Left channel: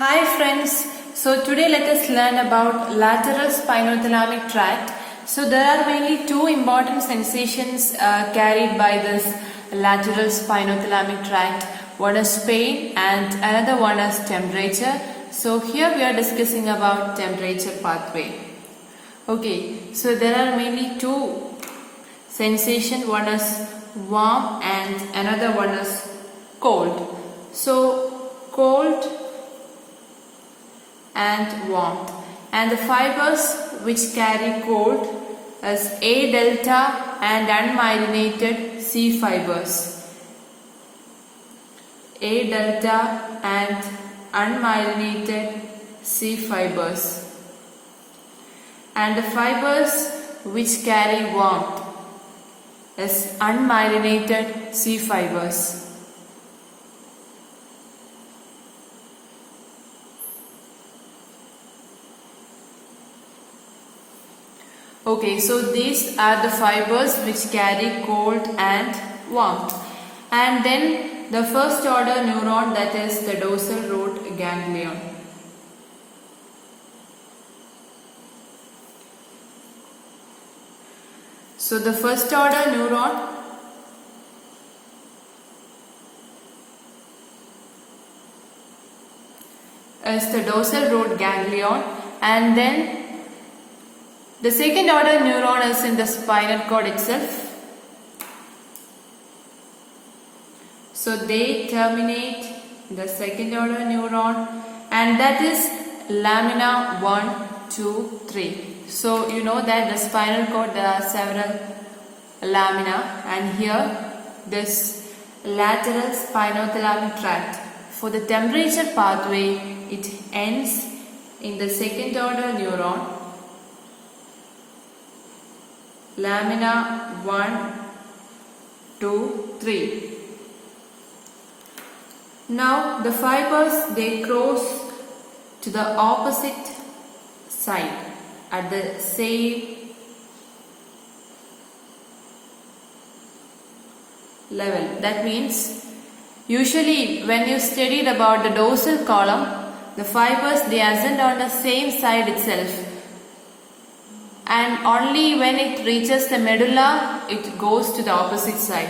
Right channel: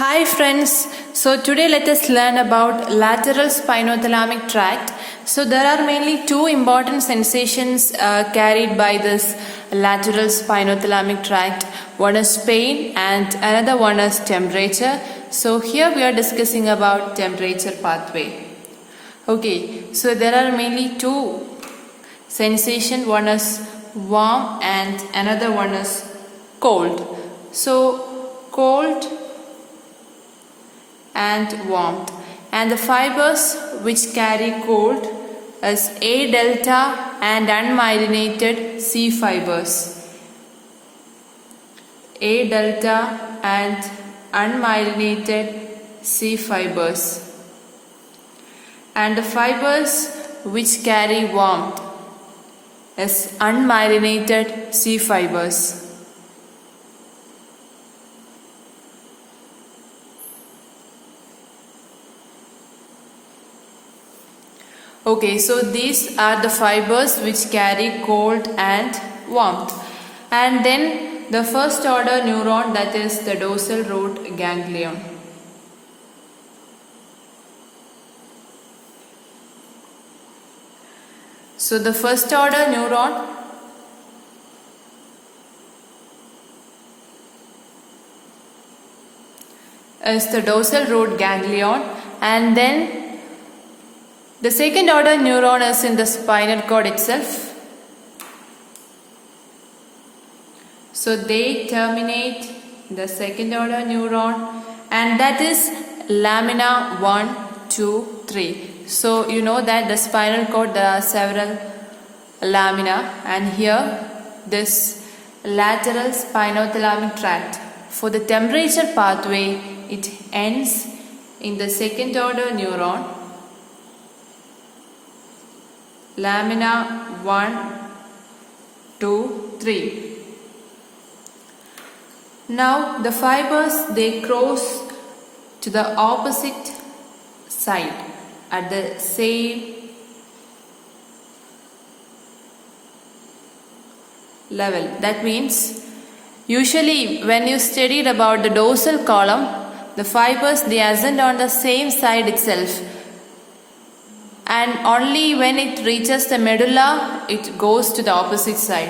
Hi friends, so today let us learn about lateral spinothalamic tract. So there are mainly two important sensations carried by this lateral spinothalamic tract. One is pain and another one is temperature. So here we are discussing about temperature pathway. Okay, so there are mainly two sensations. One is warm and another one is cold. So cold and warmth, and the fibers which carry cold is A delta and unmyelinated C fibers. A delta and unmyelinated C fibers, and the fibers which carry warmth is unmyelinated C fibers. Okay, so these are the fibers which carry cold and warmth. And then the first order neuron, that is the dorsal root ganglion. So the first order neuron is the dorsal root ganglion, and then the second order neuron is in the spinal cord itself. So they terminate the second order neuron, and that is lamina 1, 2, 3. So you know that the spinal cord there are several lamina, and here this lateral spinothalamic tract. For the temperature pathway, it ends in the second order neuron, lamina 1, 2, 3. Now the fibers, they cross to the opposite side at the same level. That means usually when you studied about the dorsal column, the fibers, they ascend on the same side itself, and only when it reaches the medulla it goes to the opposite side.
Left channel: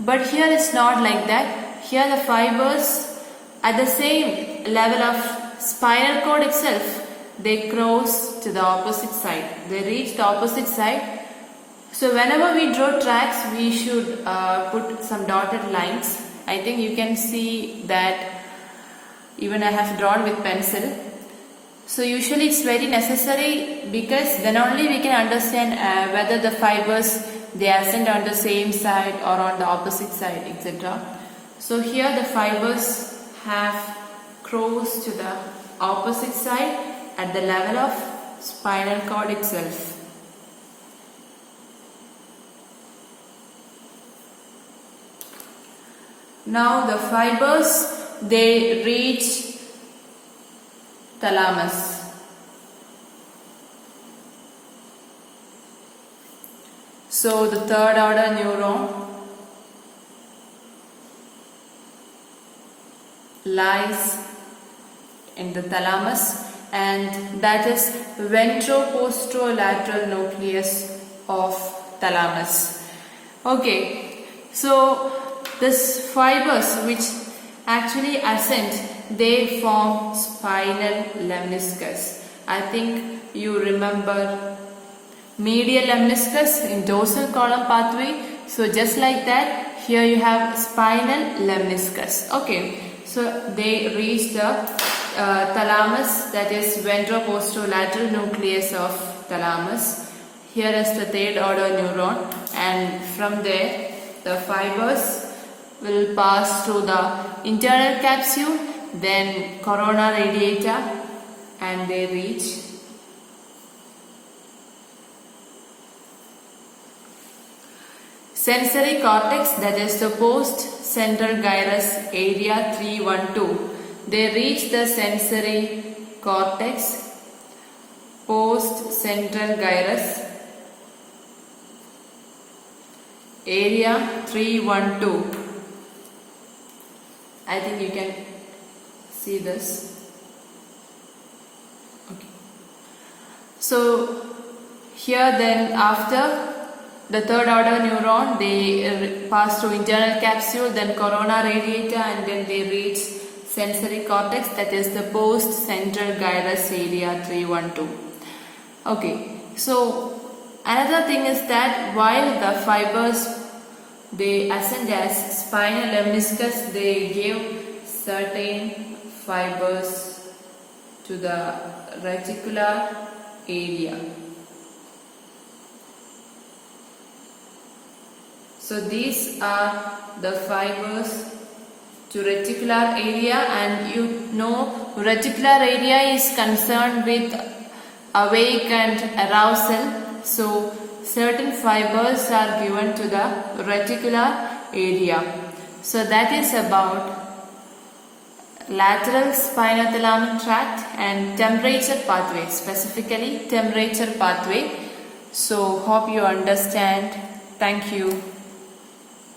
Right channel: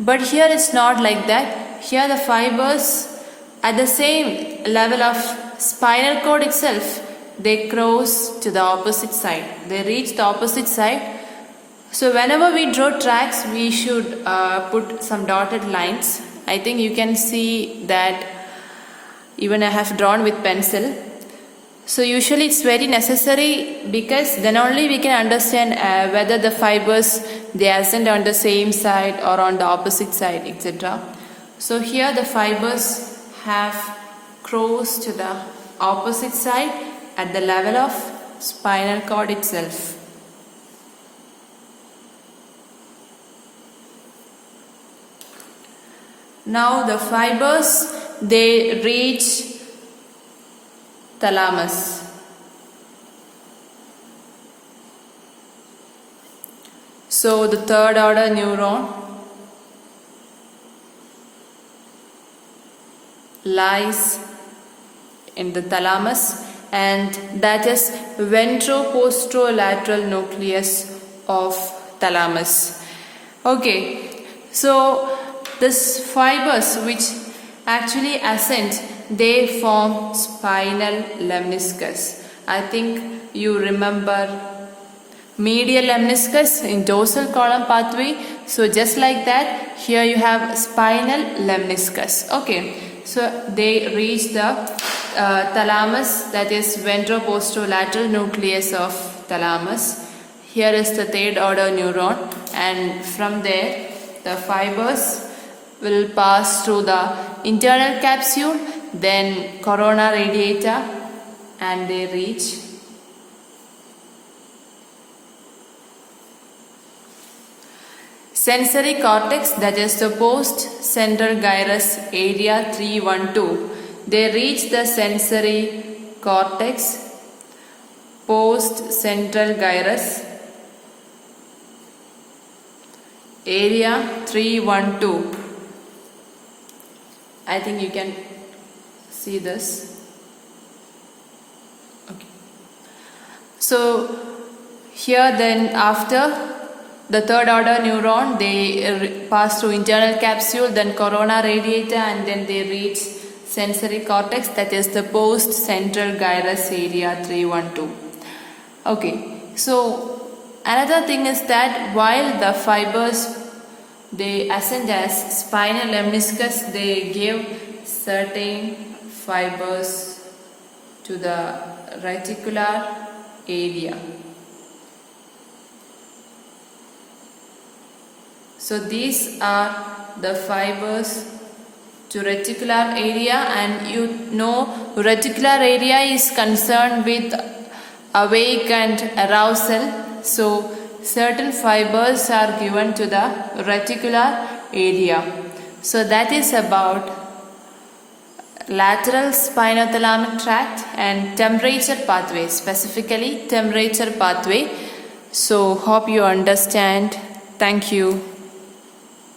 But here it's not like that. Here the fibers at the same level of spinal cord itself, they cross to the opposite side. They reach the opposite side. So whenever we draw tracks, we should put some dotted lines. I think you can see that even I have drawn with pencil. So usually it's very necessary, because then only we can understand whether the fibers, they ascend on the same side or on the opposite side, etc. So here the fibers have crossed to the opposite side at the level of spinal cord itself. Now the fibers, they reach thalamus. So the third order neuron lies in the thalamus, and that is ventroposterolateral nucleus of thalamus. Okay, so this fibers which actually ascend, they form spinal lemniscus. I think you remember medial lemniscus in dorsal column pathway. So just like that, here you have spinal lemniscus. Okay, so they reach the thalamus, that is ventroposterolateral nucleus of thalamus. Here is the third order neuron, and from there the fibers will pass through the internal capsule, then corona radiata, and they reach sensory cortex, that is the post-central gyrus area 312. They reach the sensory cortex, post-central gyrus area 312. I think you can see this. So here then after the third order neuron, they pass through internal capsule, then corona radiator, and then they reach sensory cortex, that is the post central gyrus area 312. Okay, so another thing is that while the fibers they ascend as spinal lemniscus, they give certain fibers to the reticular area. So these are the fibers to reticular area, and you know reticular area is concerned with awake and arousal. So certain fibers are given to the reticular area. So that is about lateral spinothalamic tract and temperature pathway, specifically temperature pathway. So hope you understand. Thank you.